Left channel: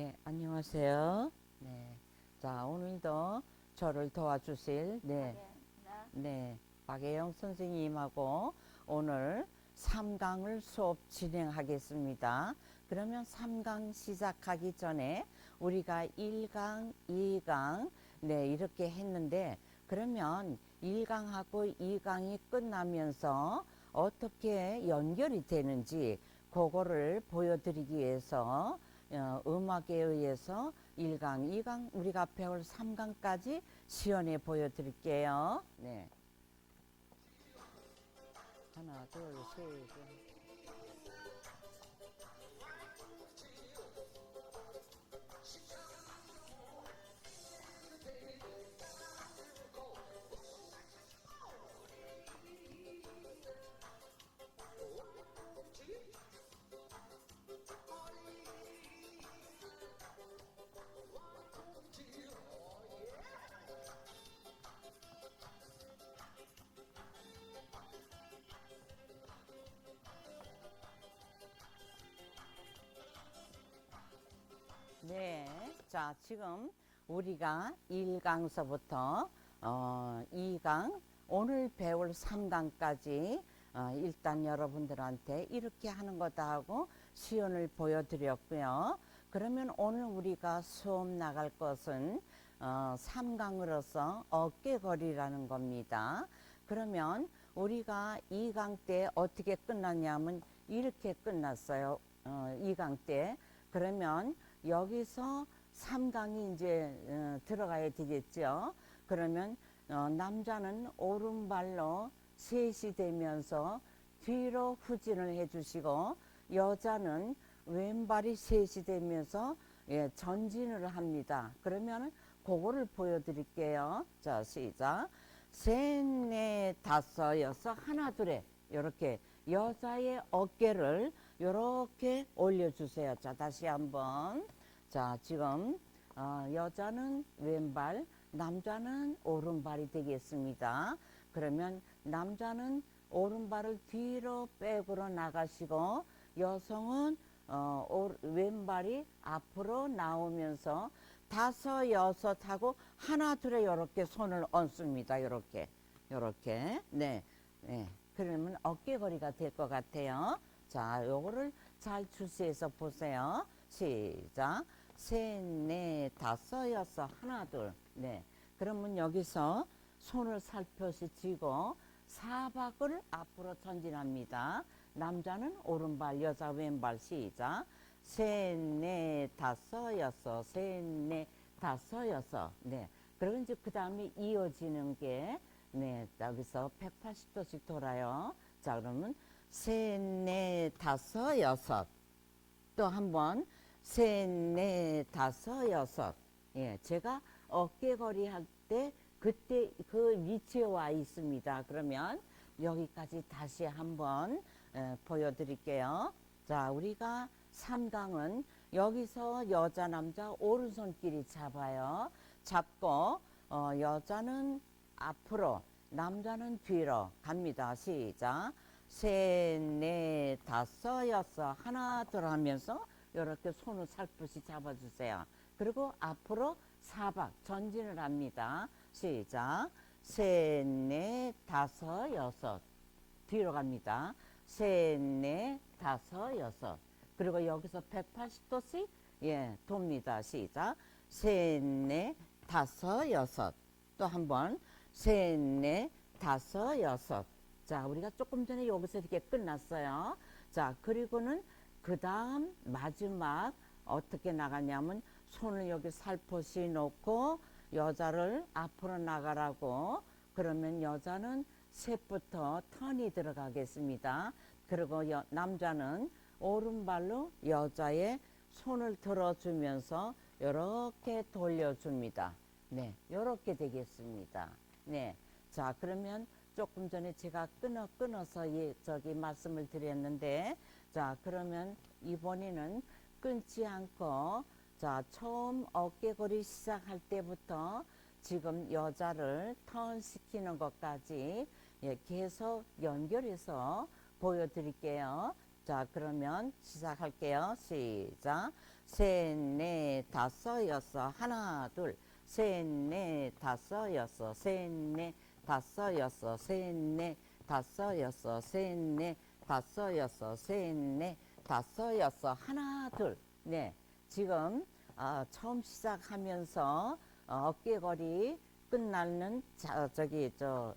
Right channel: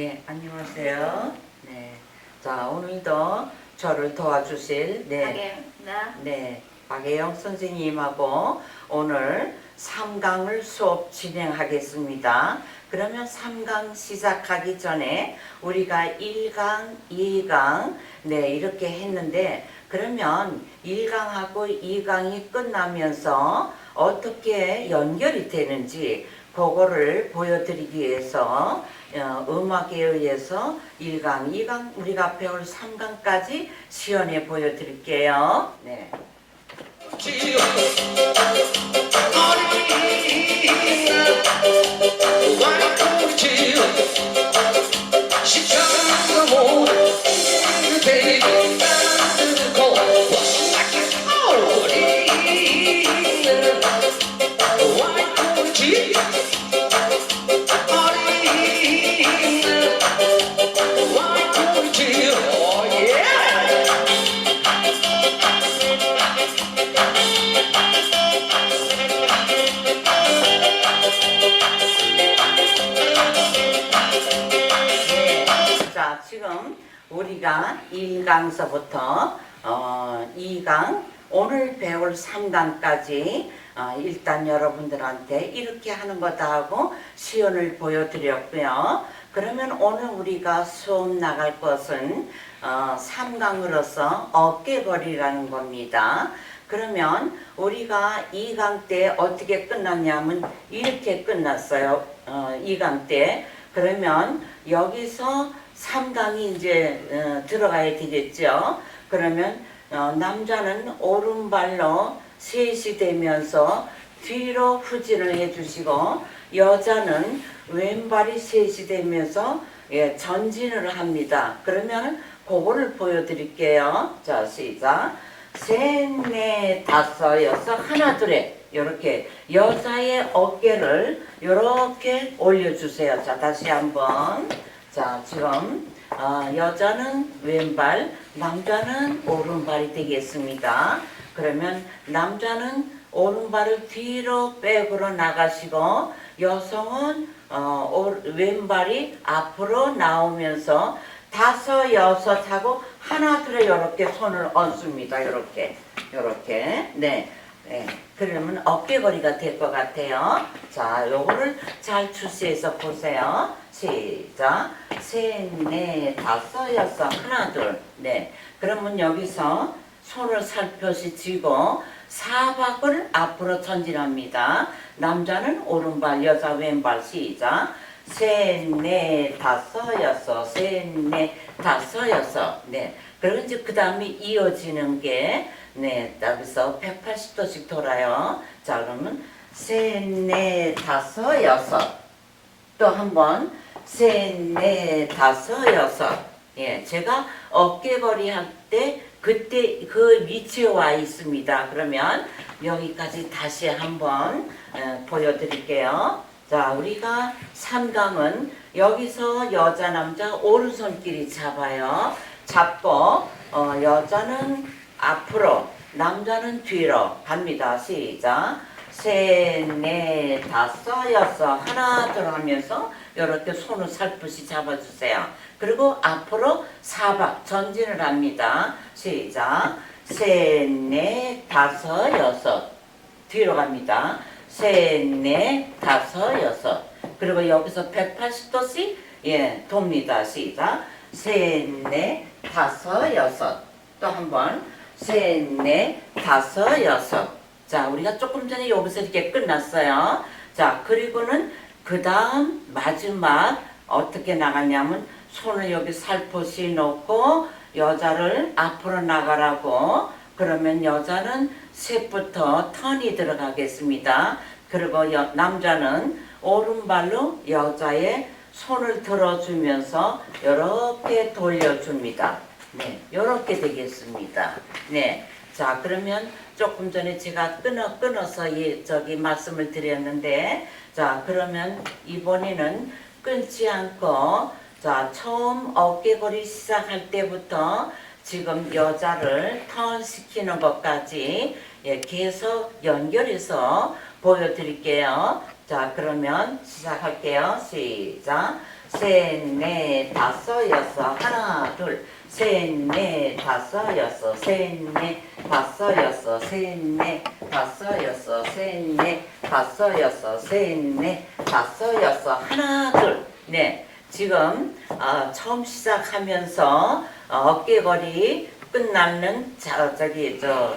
네, 안녕하세요. 네. 자, 오늘도 저를 도와주실 네. 박예나 네. 박예영 선생님하고 오늘 3강을 수업 진행하겠습니다. 그러면 3강 시작하기 전에 우리가 1강, 2강 네, 이렇게 했는데 그러면 1강하고 2강이 끝나면서 어떻게 연결이 되는지 그거를 보여드리기 위해서 어, 음악에 의해서 1강, 2강, 우리가 배울 3강까지 시연해 보여드릴게요. 네. 1강서부터 어, 2강, 오늘 배울 3강까지 어, 일단 여러분들한테 이렇게 하는 거다 하고 시연을 보여드렸고요. 그러면 오늘 우리가 수업 나갈 것은 어, 3강으로서 어깨거리라는 겁니다. 그러면 우리가 2강 때 어떻게 끝났냐면 이렇게 끝났어요. 어, 2강 때. 그러면 여기서 3강이 이제 어, 들어가야 되겠죠. 그러면 어, 남자는 오른발로 셋이 되면서 뒤로 후진을 해주시고 여자는 왼발이 셋이 되면서 예, 전진을 합니다. 그러면 그거를 보여드릴게요. 자 시작. 셋, 넷, 다섯, 여섯, 하나, 둘에 이렇게 여자의 어깨를 이렇게 올려주세요. 자 다시 한번. 자 지금 어, 여자는 왼발, 남자는 오른발이 되겠습니다. 그러면 남자는 오른발을 뒤로 백으로 나가시고 여성은 어, 오- 왼발이 앞으로 나오면서 다섯 여섯 하고 하나 둘에 이렇게 손을 얹습니다. 이렇게 이렇게 네. 네. 그러면 어깨 거리가 될 것 같아요. 자, 요거를 잘 주시해서 보세요. 시작. 셋, 넷, 다섯, 여섯, 하나, 둘. 네. 그러면 여기서 손을 살펴시 쥐고 사박을 앞으로 전진합니다. 남자는 오른발, 여자 왼발 시작. 셋, 넷, 다섯, 여섯, 셋, 넷, 다섯, 여섯. 네. 그리고 이제 그 다음에 이어지는 게, 네, 여기서 180도씩 돌아요. 자, 그러면 셋, 넷, 다섯, 여섯. 또 한 번, 셋, 넷, 다섯, 여섯. 예, 제가 어깨거리 할때 그때 그 위치에 와 있습니다. 그러면 여기까지 다시 한번 어, 보여드릴게요. 자, 우리가 3강은 여기서 여자, 남자 오른손끼리 잡아요. 잡고 어, 여자는 앞으로, 남자는 뒤로 갑니다. 시작. 셋, 넷, 다섯, 여섯, 하나, 둘 하면서 이렇게 손을 살포시 잡아주세요. 그리고 앞으로 사박 전진을 합니다. 시작. 셋, 넷, 다섯, 여섯. 뒤로 갑니다. 셋, 넷, 다섯, 여섯. 그리고 여기서 180도씩 예, 돕니다. 시작. 셋, 넷, 다섯, 여섯. 또 한 번. 셋, 넷, 다섯, 여섯. 자, 우리가 조금 전에 여기서 이렇게 끝났어요. 자, 그리고는 그 다음 마지막 어떻게 나가냐면 손을 여기 살포시 놓고 여자를 앞으로 나가라고 그러면 여자는 셋부터 턴이 들어가겠습니다. 그리고 여- 남자는 오른발로 여자의 손을 들어주면서 이렇게 돌려줍니다. 네, 이렇게 되겠습니다. 네, 자 그러면 조금 전에 제가 끊어 끊어서 예, 저기 말씀을 드렸는데, 자 그러면 이번에는 끊지 않고 자 처음 어깨고리 시작할 때부터 지금 여자를 턴시키는 것까지 예, 계속 연결해서 보여드릴게요. 자, 그러면 시작할게요. 시작. 셋, 넷, 다섯, 여섯. 하나, 둘, 셋, 넷, 다섯, 여섯. 셋, 넷, 다섯, 여섯. 셋, 넷, 다섯, 여섯. 셋, 넷, 다섯, 여섯. 셋, 넷, 다섯, 여섯. 하나, 둘, 네. 지금 어, 처음 시작하면서 어, 어깨거리 끝나는 자, 저기 저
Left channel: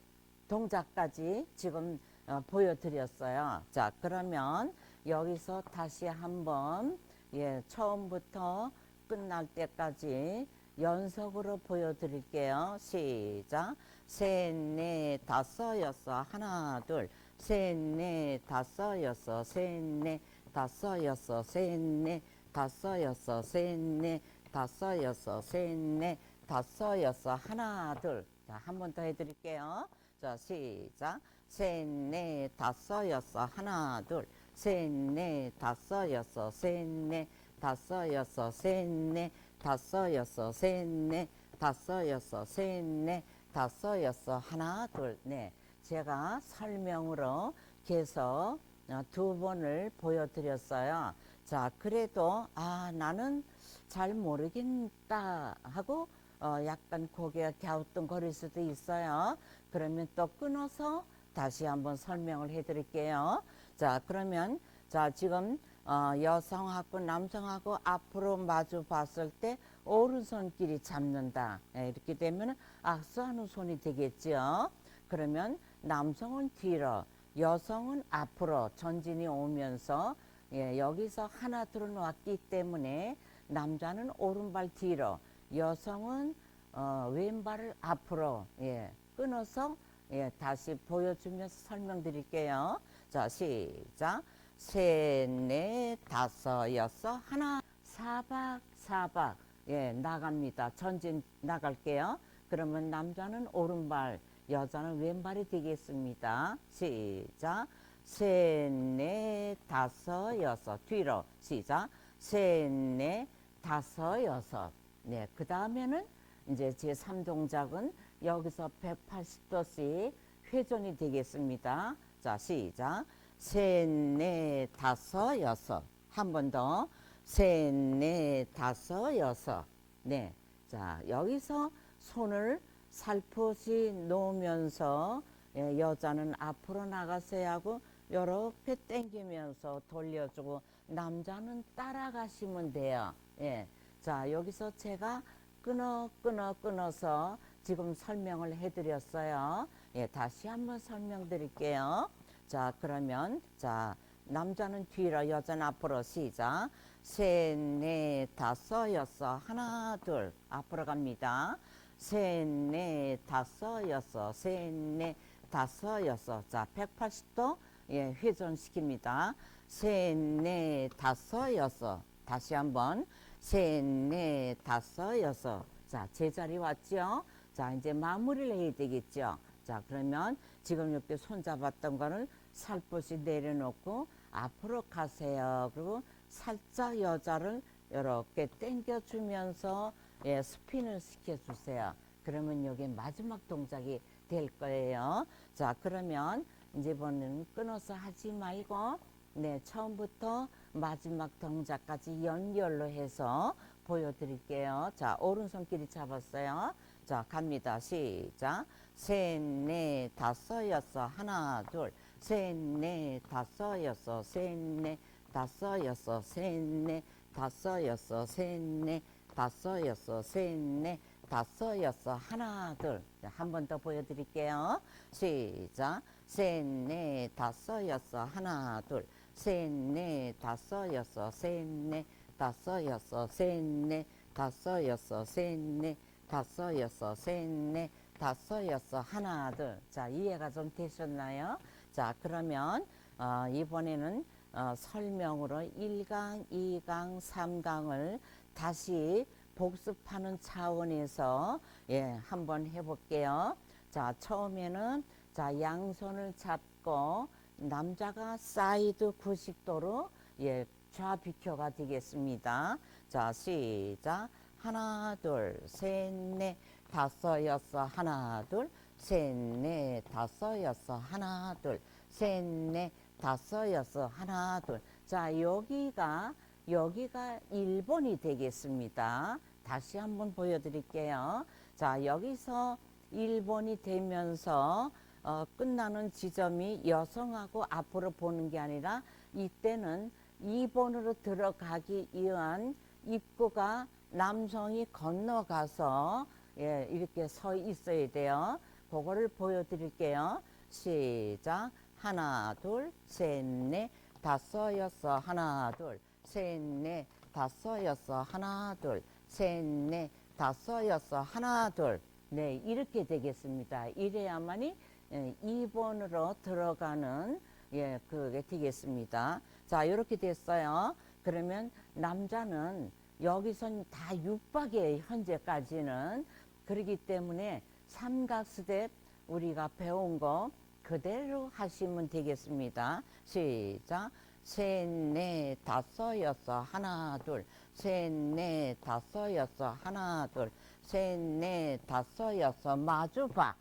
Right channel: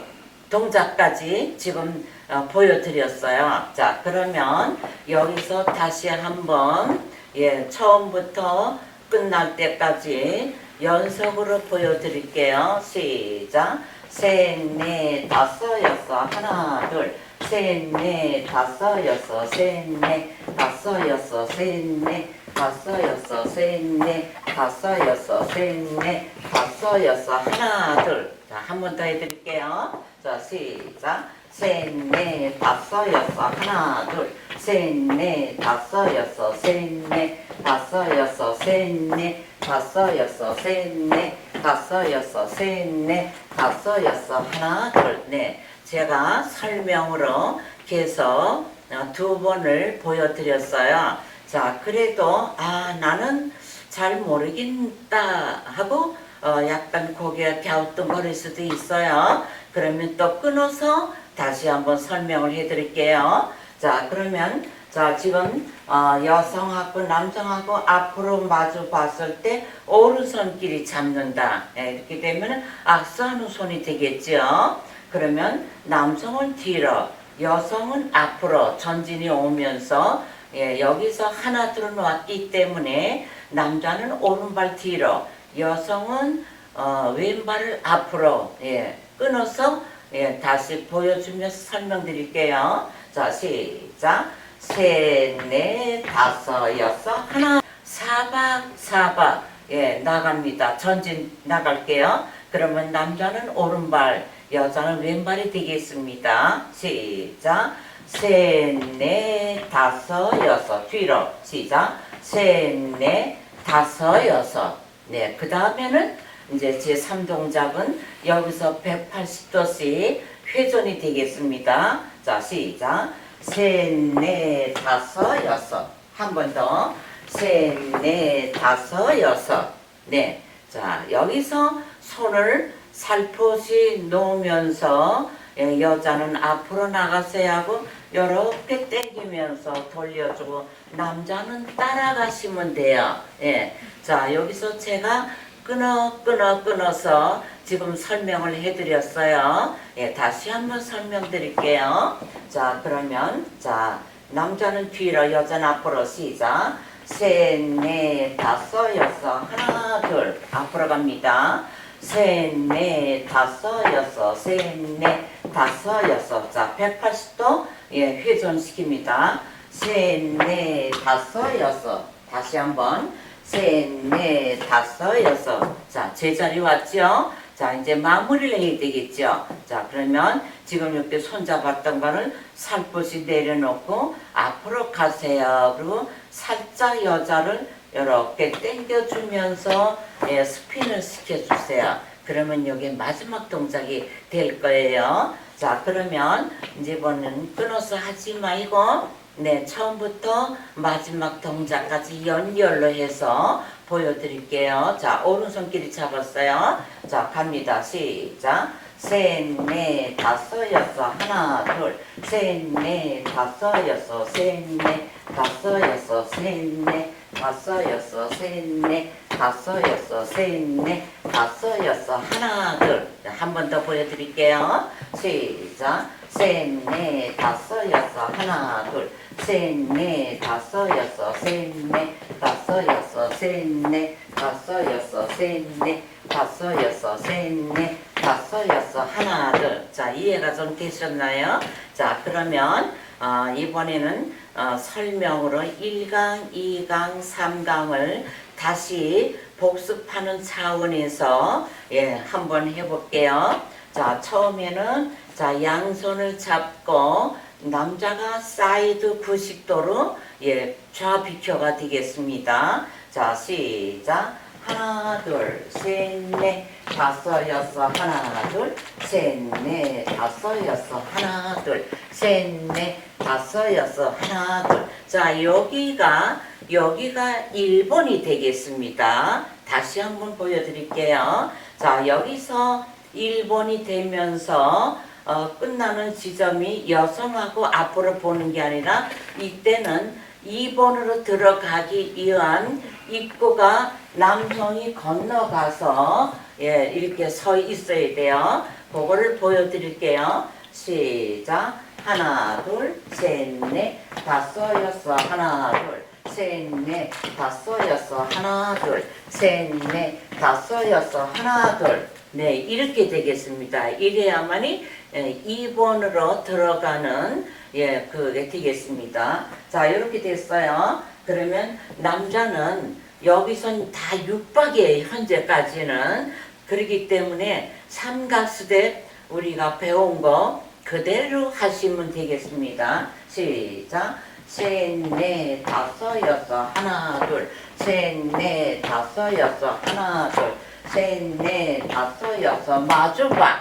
동작까지 지금 어, 보여드렸어요. 자, 그러면 여기서 다시 한번 예, 처음부터 끝날 때까지 연속으로 보여드릴게요. 시작. 셋, 넷, 다섯, 여섯, 하나, 둘, 셋, 넷, 다섯, 여섯, 셋, 넷, 다섯, 여섯, 셋, 넷, 다섯, 여섯, 셋, 넷, 다섯, 여섯, 셋, 넷, 다섯, 여섯, 하나, 둘. 자, 한 번 더 해드릴게요. 자, 시작. 셋, 넷, 다섯, 여섯, 하나, 둘, 셋, 넷, 다섯, 여섯, 셋, 넷, 다섯, 여섯, 셋, 넷, 다섯, 여섯, 셋, 넷, 다섯, 여섯, 셋, 넷, 다섯, 여섯, 하나, 둘, 넷. 제가 설명으로 계속 어, 두 번을 보여드렸어요. 자, 그래도 아 나는 잘 모르겠다 하고 어, 약간 고개가 갸우뚱거릴 수도 있어요. 그러면 또 끊어서 다시 한번 설명을 해드릴게요. 자, 그러면 자 지금 어, 여성하고 남성하고 앞으로 마주 봤을 때 오른손끼리 잡는다. 예, 이렇게 되면 악수하는 손이 되겠죠. 그러면 남성은 뒤로, 여성은 앞으로 전진이 오면서 예, 여기서 하나 들어왔기 때문에 남자는 오른발 뒤로, 여성은 어, 왼발을 앞으로 예, 끊어서 예, 다시 보여주면서 설명드릴게요. 자, 시작. 셋, 넷, 다섯, 여섯, 하나, 사박, 사박. 예, 나갑니다. 전진 나갈게요. 그러면 남자는 오른발, 여자는 왼발이 되겠습니다. 시작. 셋, 넷, 다섯, 여섯. 뒤로. 시작. 셋, 넷, 다섯, 여섯. 네, 그 다음에는 이제 제 3동작은 여기서 180도씩 회전이 되겠습니다. 자, 시작. 셋, 넷, 다섯, 여섯. 한 번 더. 셋, 넷, 다섯, 여섯. 네. 자, 여기서 손을 살포시 놓으면서 예, 여자는 앞으로 나가서야 하고 이렇게 당기면서 돌려주고 남자는 따라가시면 돼요. 예. 자, 여기서 제가 끊어 끊어 끊어서 지금 설명을 해드렸어요. 예, 다시 한번 설명드릴게요. 자, 그러면 자 남자는 뒤로, 여자는 앞으로 시작. 셋, 넷, 다섯, 여섯, 하나, 둘 앞으로 갑니다. 셋, 넷, 다섯, 여섯, 셋, 넷, 다섯, 여섯. 자, 180도 예, 회전시킵니다. 셋, 넷, 다섯, 여섯. 다시 한번. 셋, 넷, 다섯, 여섯. 자, 제자리 왔죠? 자, 이제 마무리를 해야 되겠죠? 자, 그러면 지금 이렇게 손잡았던 거를 살포시 내려놓고 앞으로 가세요. 그리고 살짝 여자를 이렇게 당겨주면서 예, 스핀을 시켜주세요. 그러면 여기 마지막 동작이 될 거예요. 자, 그러면 이제 이번엔 끊어서 하지 말고 네, 처음부터 마지막 동작까지 연결로 해서 보여드릴게요. 자, 오른손끼리 잡았어요. 자, 갑니다. 시작. 셋, 넷, 다섯, 여섯, 하나, 둘, 셋, 넷, 다섯, 여섯, 셋, 넷, 다섯, 여섯, 셋, 넷, 다섯, 여섯, 셋, 넷, 다섯, 여섯, 셋, 넷, 다섯, 여섯, 하나, 둘. 한 번 더 보여드릴게요. 시작. 셋, 넷, 다섯, 여섯, 하나, 둘, 셋, 넷, 다섯, 여섯, 셋, 넷, 다섯, 여섯, 셋, 넷, 다섯, 여섯, 셋, 넷, 다섯, 여섯, 셋, 넷, 다섯, 여섯, 하나, 둘. 자, 이해가 좀 되셨나요? 자, 그러면 어, 이번에는 어, 설명으로 1강, 2강, 3강을 다시 복습하는 차원에서 예, 한번 해볼게요. 자, 처음에는 자, 양손을 잡고 남자가 사이드 90도로 예, 좌비켜가 되겠습니다. 자, 시작. 하나, 둘, 셋, 넷, 다섯, 여섯, 하나, 둘, 셋, 넷, 다섯, 여섯, 하나, 둘, 셋, 넷, 다섯, 여섯, 하나, 둘. 자, 여기가 여기가 1번이 되겠습니다. 다시 한번 보여드릴게요. 자, 여기서 1번이 되면서 어, 끝나는 지점이 여성하고 앞으로 보는 게 아니라 이때는 2번으로 들어가기 위한 입구가 남성이 건너가서 예, 이렇게 서 있어야 돼요. 그거를 보여드릴게요. 시작. 하나, 둘, 셋, 넷, 다섯, 여섯, 하나, 둘, 셋, 넷, 다섯, 여섯, 하나, 둘, 셋, 넷, 다섯, 여섯, 하나, 둘. 네, 이렇게 되겠습니다. 이래야만이 예, 2번으로 들어가는 예, 그게 되겠습니다. 자, 이렇게 됐어요. 그러면 남자는 여기선 다 육박이에요. 현재까지는. 그렇기 때문에 삼각수대 우리가 배운 거 그대로 하시면 되겠습니다. 시작. 셋, 넷, 다섯, 여섯, 하나, 둘. 셋, 넷, 다섯, 여섯, 하나, 둘. 셋, 넷, 다섯, 여섯, 마주봐.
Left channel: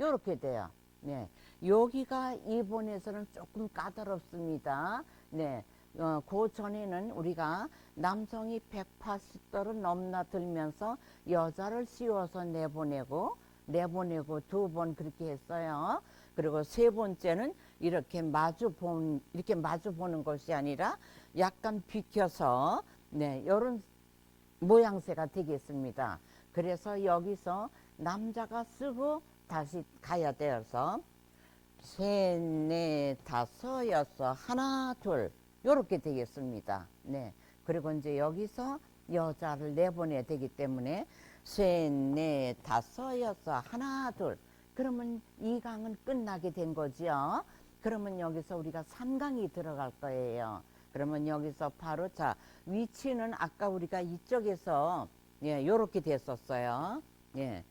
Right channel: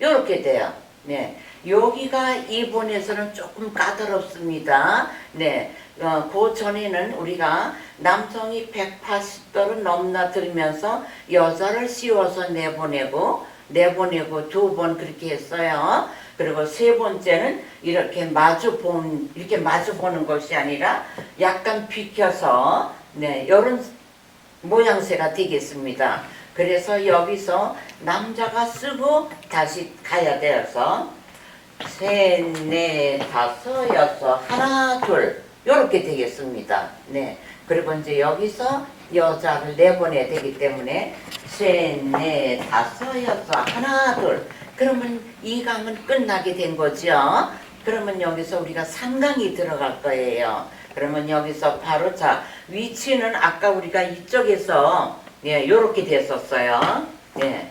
요렇게 돼요. 네. 여기가 이번에서는 조금 까다롭습니다. 네. 어, 그 전에는 우리가 남성이 180도를 넘나들면서 여자를 씌워서 내보내고 내보내고 두 번 그렇게 했어요. 그리고 세 번째는 이렇게 마주 본 이렇게 마주 보는 것이 아니라 약간 비켜서 네 이런 모양새가 되겠습니다. 그래서 여기서 남자가 쓰고 다시 가야 되어서 셋, 넷, 다섯, 여섯, 하나, 둘 이렇게 되겠습니다. 네. 그리고 이제 여기서 여자를 내보내야 되기 때문에 셋, 넷, 다섯, 여섯, 하나, 둘. 그러면 이 강은 끝나게 된 거죠. 그러면 여기서 우리가 상강이 들어갈 거예요. 그러면 여기서 바로 자 위치는 아까 우리가 이쪽에서 예, 요렇게 됐었어요. 예.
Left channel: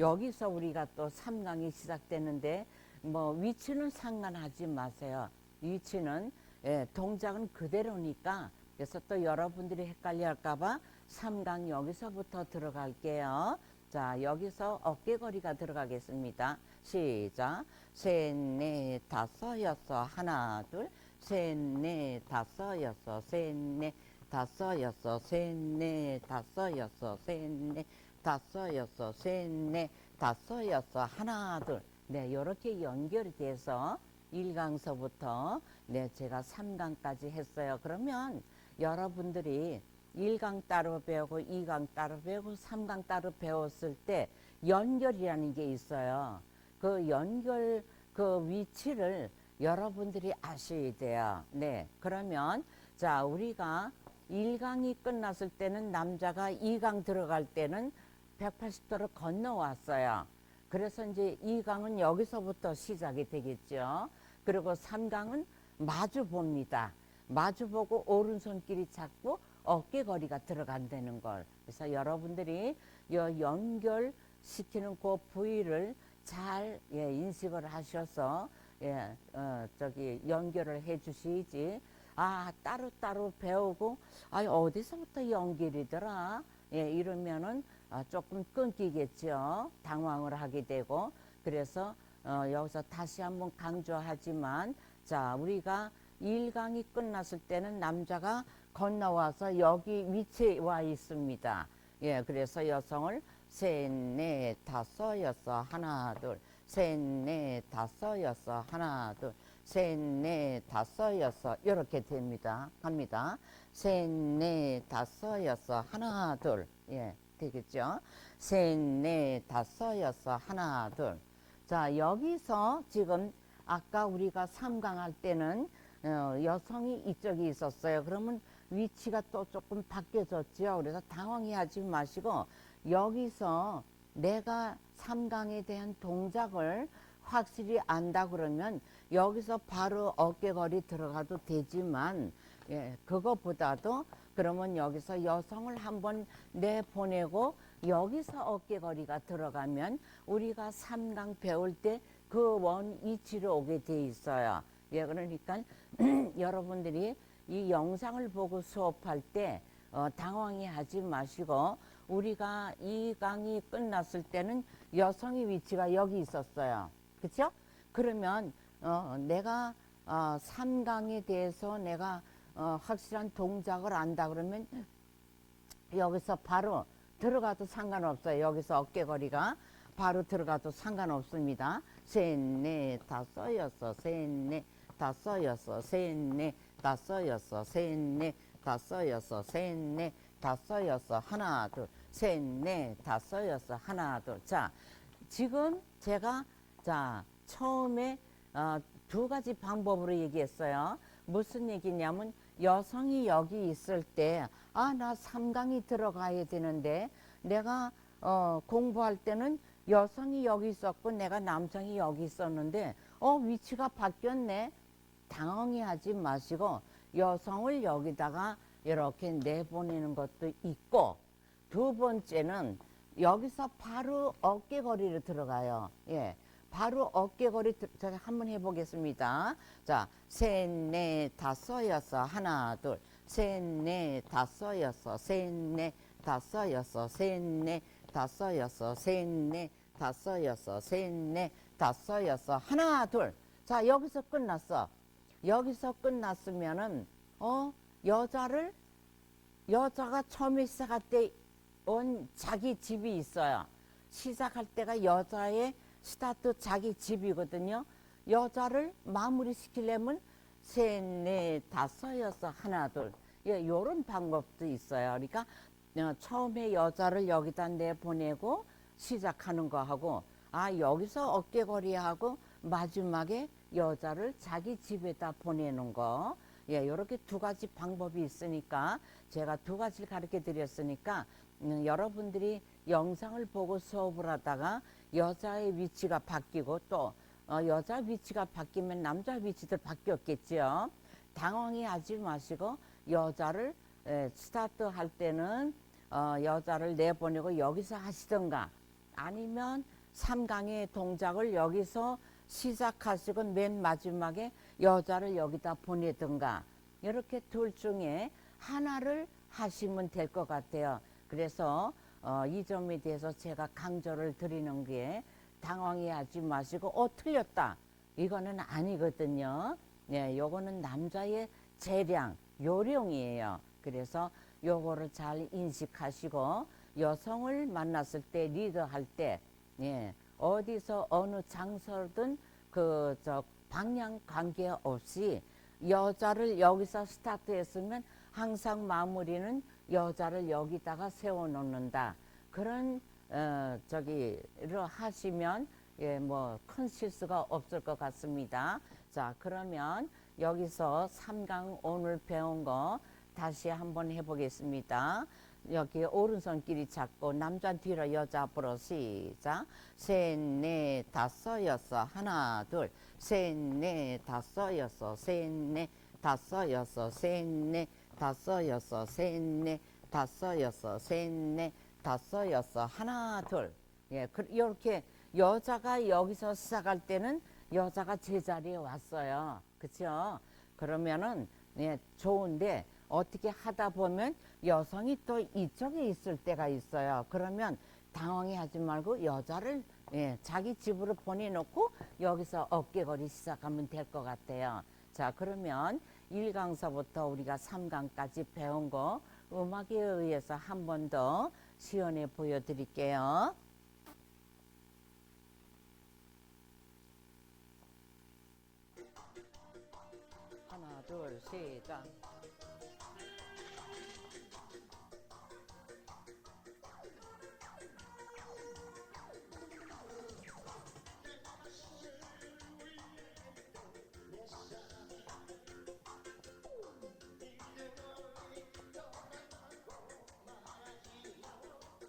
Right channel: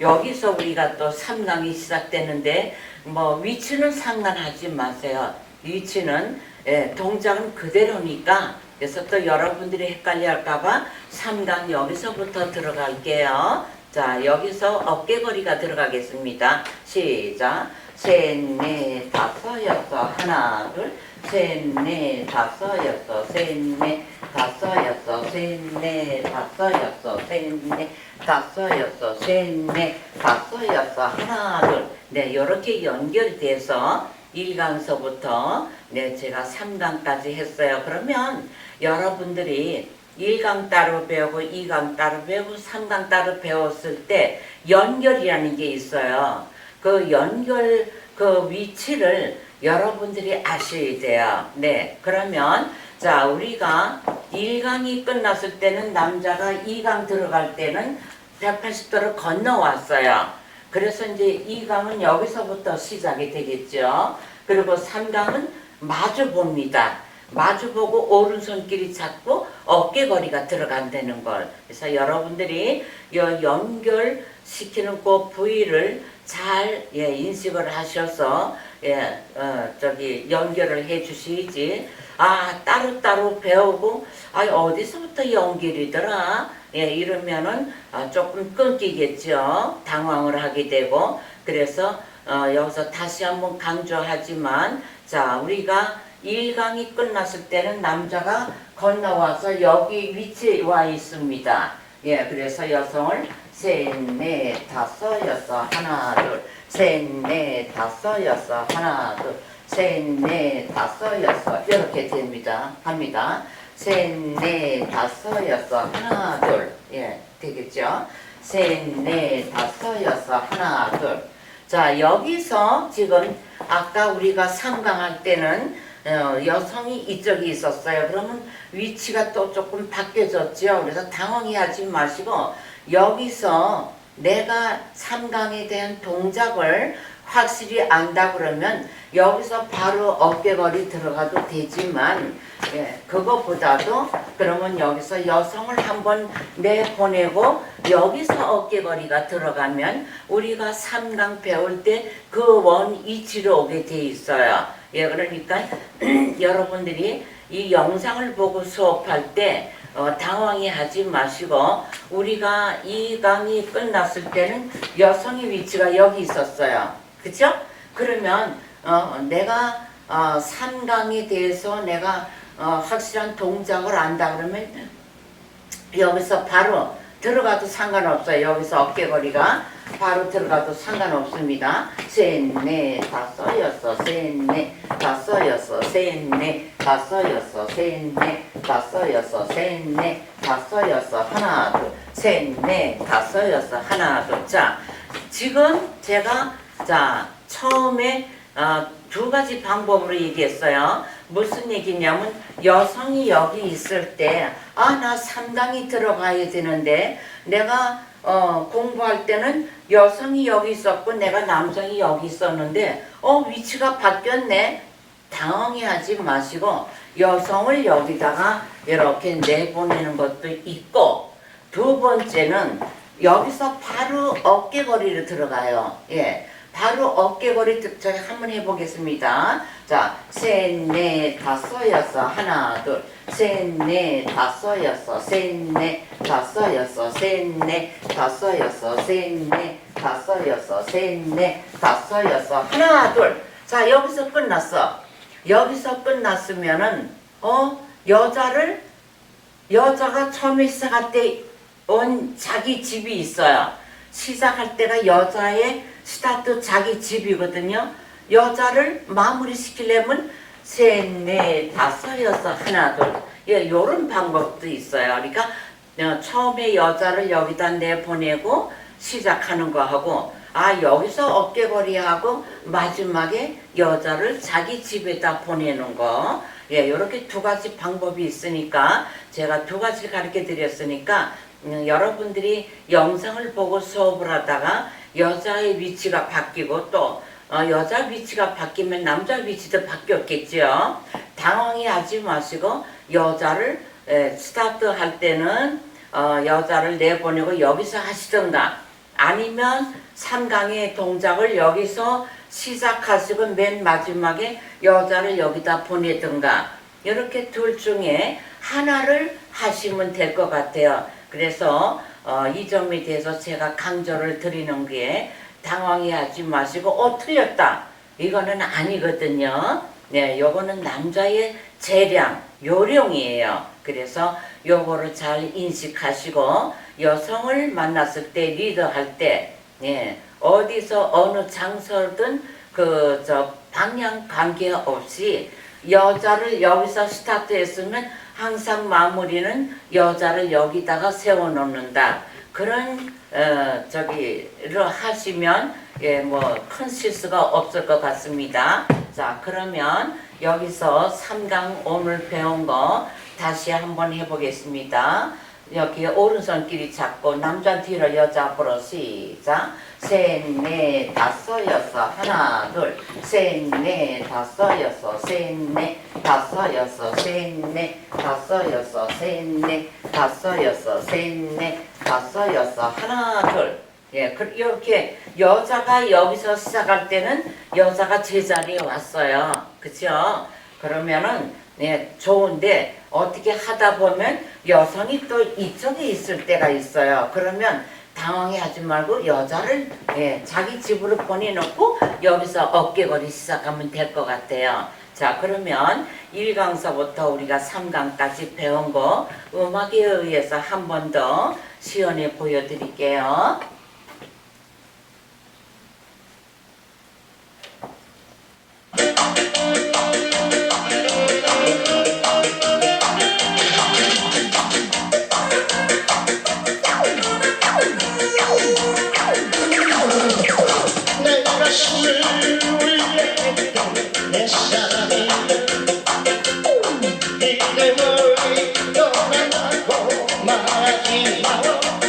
여기서 우리가 또 3강이 시작되는데 뭐 위치는 상관하지 마세요. 위치는 예, 동작은 그대로니까 그래서 또 여러분들이 헷갈려 할까봐 3강 여기서부터 들어갈게요. 자 여기서 어깨거리가 들어가겠습니다. 시작. 셋, 넷, 다섯, 여섯, 하나, 둘, 셋, 넷, 다섯, 여섯, 셋, 넷, 다섯, 여섯, 셋, 넷, 다섯, 여섯, 셋, 넷, 다섯, 여섯, 셋, 넷, 다섯, 여섯, 하나, 둘. 네, 이렇게 연결이 돼서 1강서부터 네, 제가 3강까지 했어요. 그러면 여러분들이 1강 따로 배우고 2강 따로 배우고 3강 따로 배웠을 때 연결이라는 게 있어요. 그 연결 그 위치를 여러분들이 아셔야 돼요. 네. 그러면 자, 우리가 1강이 끝났을 때는 남자가 2강 들어갈 때는 180도를 건너왔어요. 그래서 이제 2강은 여기서부터 시작이 되겠죠. 그리고 3강은 마주 봅니다. 마주 보고 오른손길이 잡고 어깨거리가 들어간다는 걸. 그래서 여러분들이 이 연결시키는 그 부위를 잘 예, 인식을 하셔서 예, 어, 저기 연결을 해 주시지. 아, 따로따로 배우고, 아, 어디서부터 연결이더라? 예, 이러면은 아, 조금 끊기겠죠. 당황을 하게 되고. 그래서 어, 여기서 다시 한번 강조하지만, 자, 우리가 1강이 끝났을 때는 남자가 건너와서 여기 위치에 와 있습니다. 예, 그래서 여성을 셋, 넷, 다섯, 여섯, 하나, 둘, 셋, 넷, 다섯, 여섯, 하나, 둘, 셋, 넷, 다섯, 여섯, 이렇게 됩니다. 합니다. 셋, 넷, 다섯, 여섯, 하나, 둘. 예, 되겠죠? 셋, 넷, 다섯, 여섯, 하나, 둘. 자, 여기서 지금 아까 우리가 상강할 때는 어, 여성이 이쪽에 있었어요. 그러면 위치가 또 조금 바뀌어졌죠. 그래서 당황해하지 마시고 여기서 내가 삼강에 대한 동작을 확실히 안다 그러면 여기서 바로 어깨걸이 들어가도 되지만 예, 그것보다도 그러면 여기서 여성을 한번 내보내고 여기서 어깨걸이가 들어가면 우리가 삼강 배울 때 그 원 이치로 오게 돼 있어요. 예, 그러니까 여러분들이 이 영상을 보고 수업할 때 어, 당황해 하지 마시고 우리가 이 강이 끝났을 때는 여성의 위치가 여기 있었어요. 그죠? 그러면 어, 내가 어, 3강에 대해서 내가 어, 확실한 동작을 안다 그러면 여기서 바로 들어가도 상관없어요. 여기서 어깨거리가 바로 들어가도 상관없습니다. 셋, 넷, 다섯, 여섯, 셋, 넷, 다섯, 여섯, 셋, 넷, 다섯, 여섯, 셋, 넷, 다섯, 여섯, 셋, 넷, 다섯, 여섯, 하나, 둘, 셋, 넷, 다섯, 여섯, 하나, 둘. 자, 지금 제가 자 처음에 어, 두 가지 방법으로 얘기했어요. 무슨 얘기냐면 여성이 여기 있을 때 아나 상당히 들어가야 되는데 내가 어, 공부할 때는 여성이 여기 있었고 내가 남성이 여기 있었는데 어 위치가 바뀌었네 당황해 하지 마시고 여성을 여기다가 이렇게 내보내는 것도 있고 두 번째는 여기서 바로 어깨거리로 들어가요. 예. 바로 들- 저희 한번 해보겠습니다. 자, 셋, 넷, 다섯, 여섯, 하나, 둘, 셋, 넷, 다섯, 여섯, 셋, 넷, 다섯, 여섯, 셋, 넷, 다섯, 여섯, 셋, 넷, 다섯, 여섯, 셋, 넷, 다섯, 여섯, 하나, 둘. 자, 여기서 끝났어. 여기서 끝났으면은 어 여자를 여자가 처음에 시작할 때 온 자기 집이 있어요. 시작할 때가 여자의 스타트 자기 집이거든요. 여자를 마무리 시키려면 셋, 넷, 다섯, 여섯, 하나, 둘. 예, 요런 방법도 있어요. 그러니까 어, 처음에 여자를 여기다 내보내고 시작하는 거 하고 아 여기서 어깨거리 하고 마지막에 여자를 자기 집에다 보내는 거 예, 이렇게 두 가지 방법이 있으니까 제가 두 가지 가르쳐 드렸으니까 음, 여러분들이 영상을 보고 수업을 하다가 여자의 위치가 바뀌고 또 어, 여자 위치가 바뀌면 남자 위치도 바뀌었겠죠. 당황해 하지 마시고 여자를 에, 스타트 할 때는 어, 여자를 내보내고 여기서 하시던가 아니면 삼강의 동작을 여기서 시작하시고 맨 마지막에 여자를 여기다 보내든가 이렇게 둘 중에 하나를 하시면 될 것 같아요. 그래서 어, 이 점에 대해서 제가 강조를 드리는 게 당황해 하지 마시고 어 틀렸다 이거는 아니거든요. 네, 요거는 남자의 재량, 요령이에요. 그래서 요거를 잘 인식하시고 여성을 만났을 때 리더할 때 네, 어디서 어느 장소든 그 저 방향 관계 없이 여자를 여기서 스타트했으면 항상 마무리는 여자를 여기다가 세워놓는다. 그런 어 저기를 하시면 예 뭐 큰 실수가 없을 것 같습니다. 자 그러면 여기서 3강 오늘 배운 거 다시 한번 해보겠습니다. 여기 오른손끼리 잡고 남자 뒤로 여자 앞으로 시작 셋넷 다섯 여섯 하나 둘셋넷 다섯 여섯 셋넷 다섯 여섯 셋넷 다섯 여섯 셋넷 다섯 여섯 셋넷 다섯 여섯 하나 둘 예, 그- 이렇게 여자가 여기서 시작할 때는 여자가 제자리에 왔어요. 그죠? 그러면은 네, 좋은데 어떻게 하다 보면 여성이 또 이쪽에 있을 때가 있어요. 그러면 당황해 하지 말고 여자를 예, 자기 집으로 보내놓고 여기서 어깨거리 시작하면 될 것 같아요. 자, 그러면 1강서부터 우리가 3강까지 배운 거 음악에 의해서 한 번 더 시연해 보여드릴게요. 내 사랑이. 이제 멀리 떠난다고 말하지 마라 아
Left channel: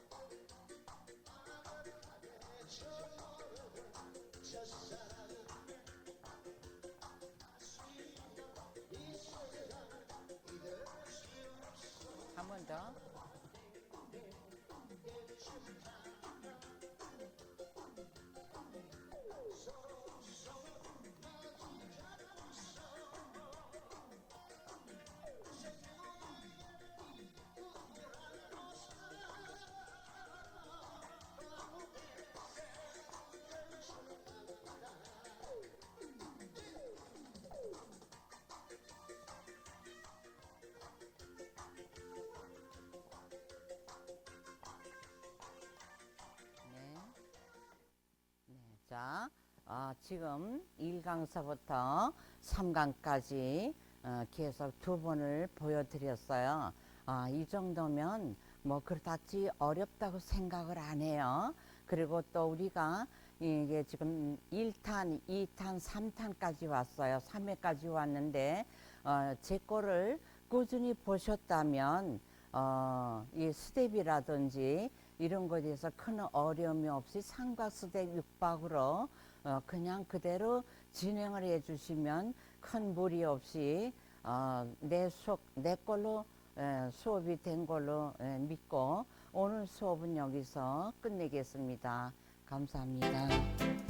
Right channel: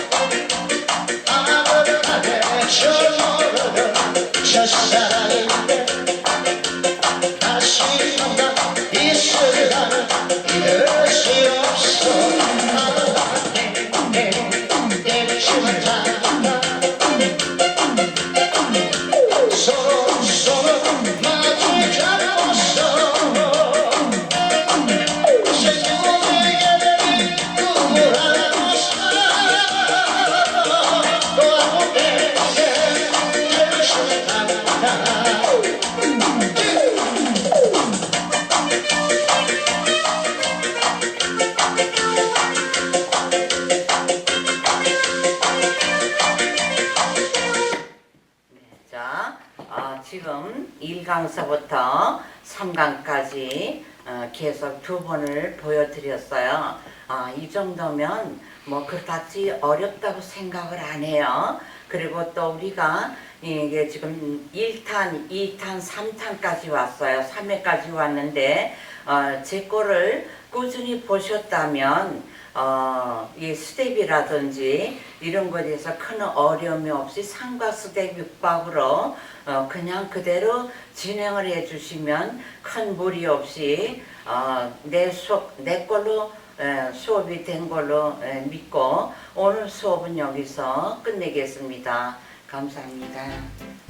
1강서부터 3강까지 어, 계속 두 번을 보여드렸어요. 아, 이 정도면 뭐 그다지 어렵다고 생각을 안 해요. 그리고 또 우리가 이게 지금 1탄, 2탄, 3탄까지 왔어요. 3회까지 왔는데 어, 제 거를 꾸준히 보셨다면 어, 이 스텝이라든지 이런 것에 대해서 큰 어려움이 없이 상과 스텝 육박으로 어, 그냥 그대로 진행을 해주시면 큰 무리 없이 어, 내 수업 내 걸로 에, 수업이 된 걸로 에, 믿고 오늘 수업은 여기서 끝내겠습니다. 감사합니다.